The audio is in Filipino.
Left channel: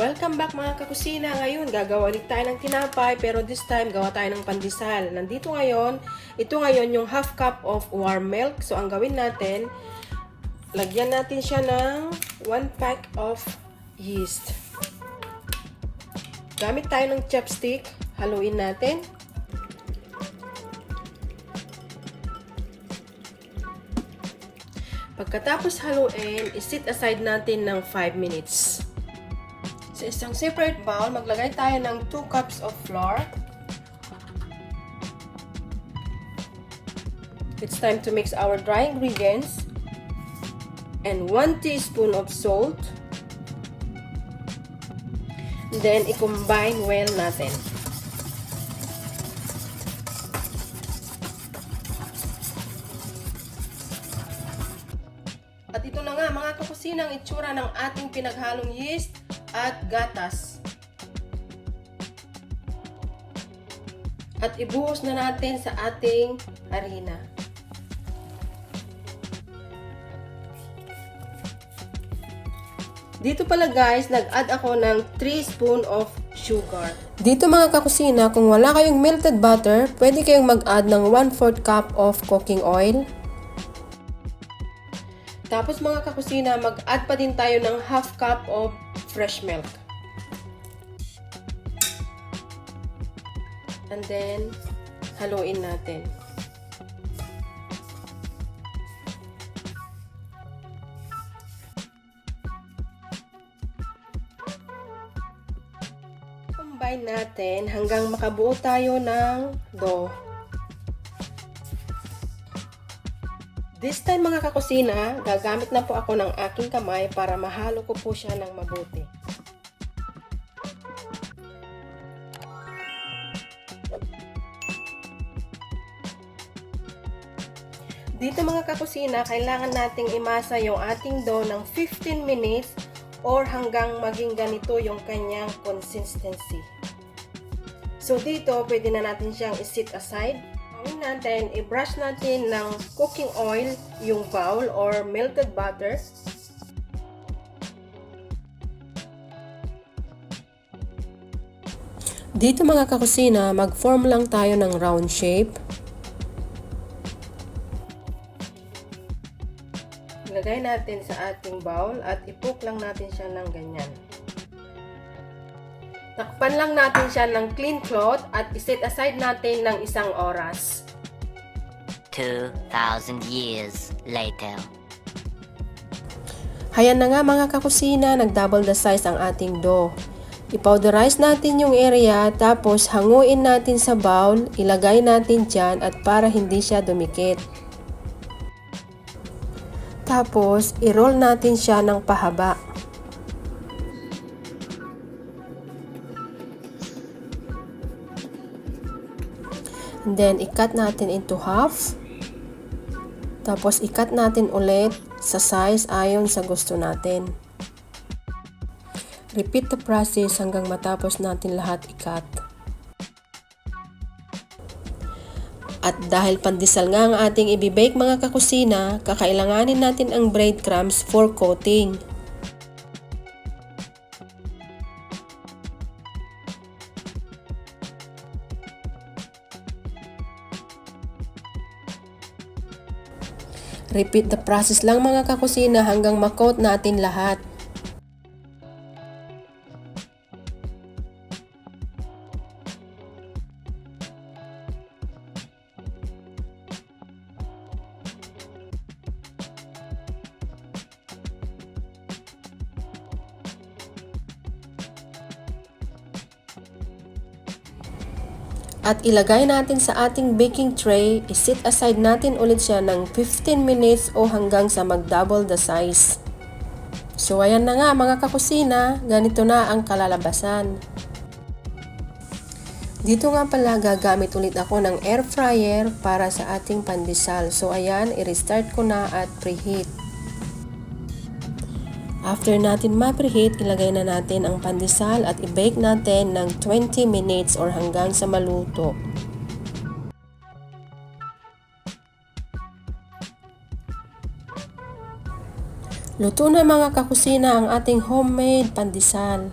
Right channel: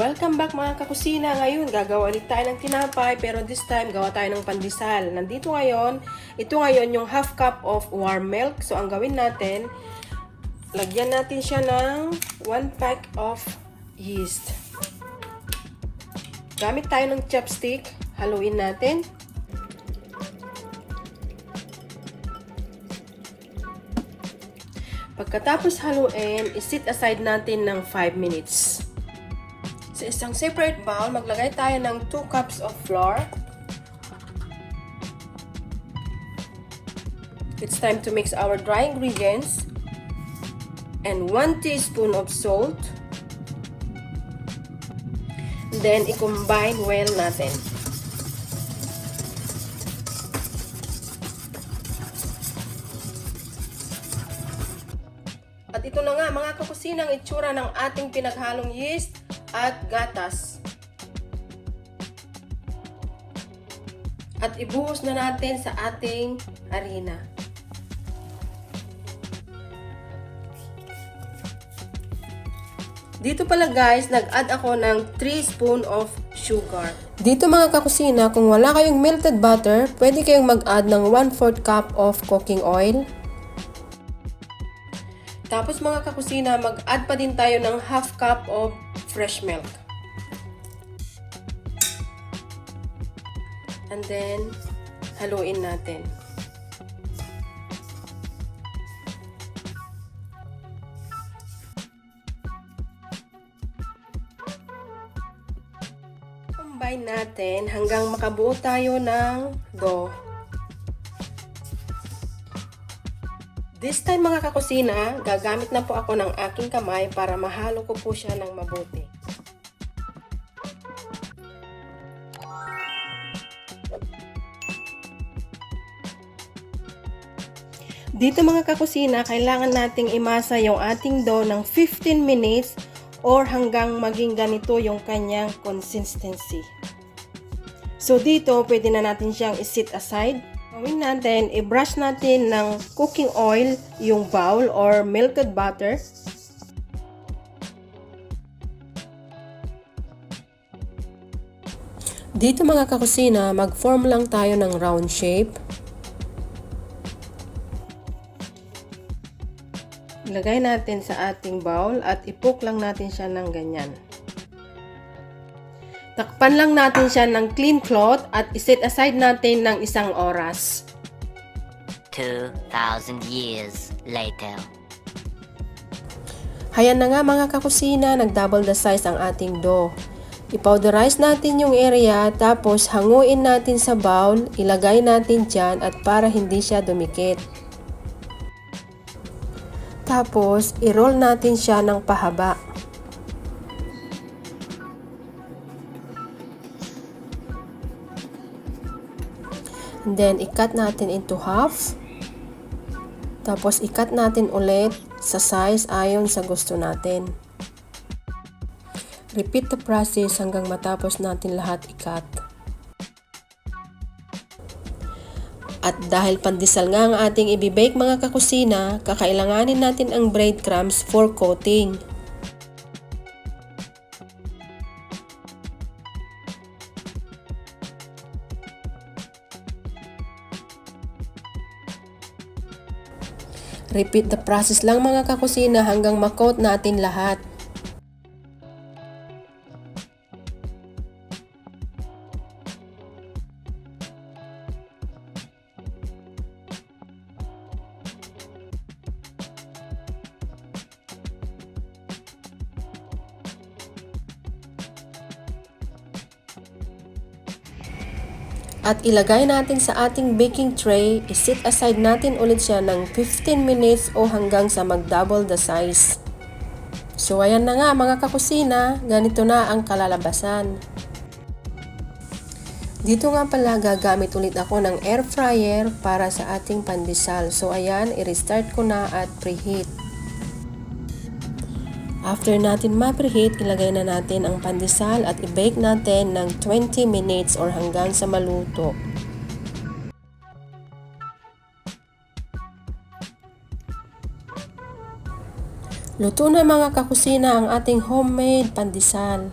Welcome back mga kakusina. Ngayon, gagawa ulit tayo ng tinapay pero this time, gawa tayo ng pandesal. Ito ngayon yung half cup of warm milk. So, ang gawin natin, lagyan natin siya ng 1 pack of yeast. Gamit tayo ng chopstick, haluin natin. Pagkatapos haluin, isit aside natin ng 5 minutes. Sa isang separate bowl, maglagay tayo ng 2 cups of flour. It's time to mix our dry ingredients and 1 teaspoon of salt. Then, i-combine well natin. At ito na nga mga kakusina ang itsura ng ating pinaghalong yeast at gatas. At ibuhos na natin sa ating harina. Dito pala guys, nag-add ako ng 3 spoon of sugar. Dito mga kakusina, kung wala kayong melted butter, pwede kayong mag-add ng 1/4 cup of cooking oil. Tapos mga kakusina, mag-add pa din tayo ng half cup of fresh milk. And then, haluin natin. Combine natin hanggang makabuo tayo ng dough. This time mga kakusina, gagamit na po ako ng aking kamay para mahalo ko po siya ng mabuti. Dito mga kakusina, kailangan nating imasa yung ating dough ng 15 minutes or hanggang maging ganito yung kanyang consistency. So dito, pwede na natin siyang i-set aside. Gawin natin, i-brush natin ng cooking oil yung bowl or melted butter. Dito mga kakusina, mag-form lang tayo ng round shape. Ilagay natin sa ating bowl at ipok lang natin siya ng ganyan. Takpan lang natin siya ng clean cloth at iset aside natin ng 1 oras. 2,000 years later. Hayan na nga mga kakusina, nag-double the size ang ating dough. I-powderize natin yung area, tapos hanguin natin sa bowl, ilagay natin dyan at para hindi siya dumikit. Tapos, i-roll natin siya ng pahaba. And then, i-cut natin into half. Tapos, i-cut natin ulit sa size ayon sa gusto natin. Repeat the process hanggang matapos natin lahat i-cut. At dahil pandesal nga ang ating ibibake mga kakusina, kakailanganin natin ang breadcrumbs for coating. Repeat the process lang mga kakusina hanggang ma-coat natin lahat. At ilagay natin sa ating baking tray, i-set aside natin ulit siya ng 15 minutes o hanggang sa mag-double the size. So ayan na nga mga kakusina, ganito na ang kalalabasan. Dito nga pala gagamit ulit ako ng air fryer para sa ating pandesal. So ayan, i-restart ko na at preheat. After natin ma-preheat, ilagay na natin ang pandesal at i-bake natin ng 20 minutes or hanggang sa maluto. Luto na mga kakusina ang ating homemade pandesal.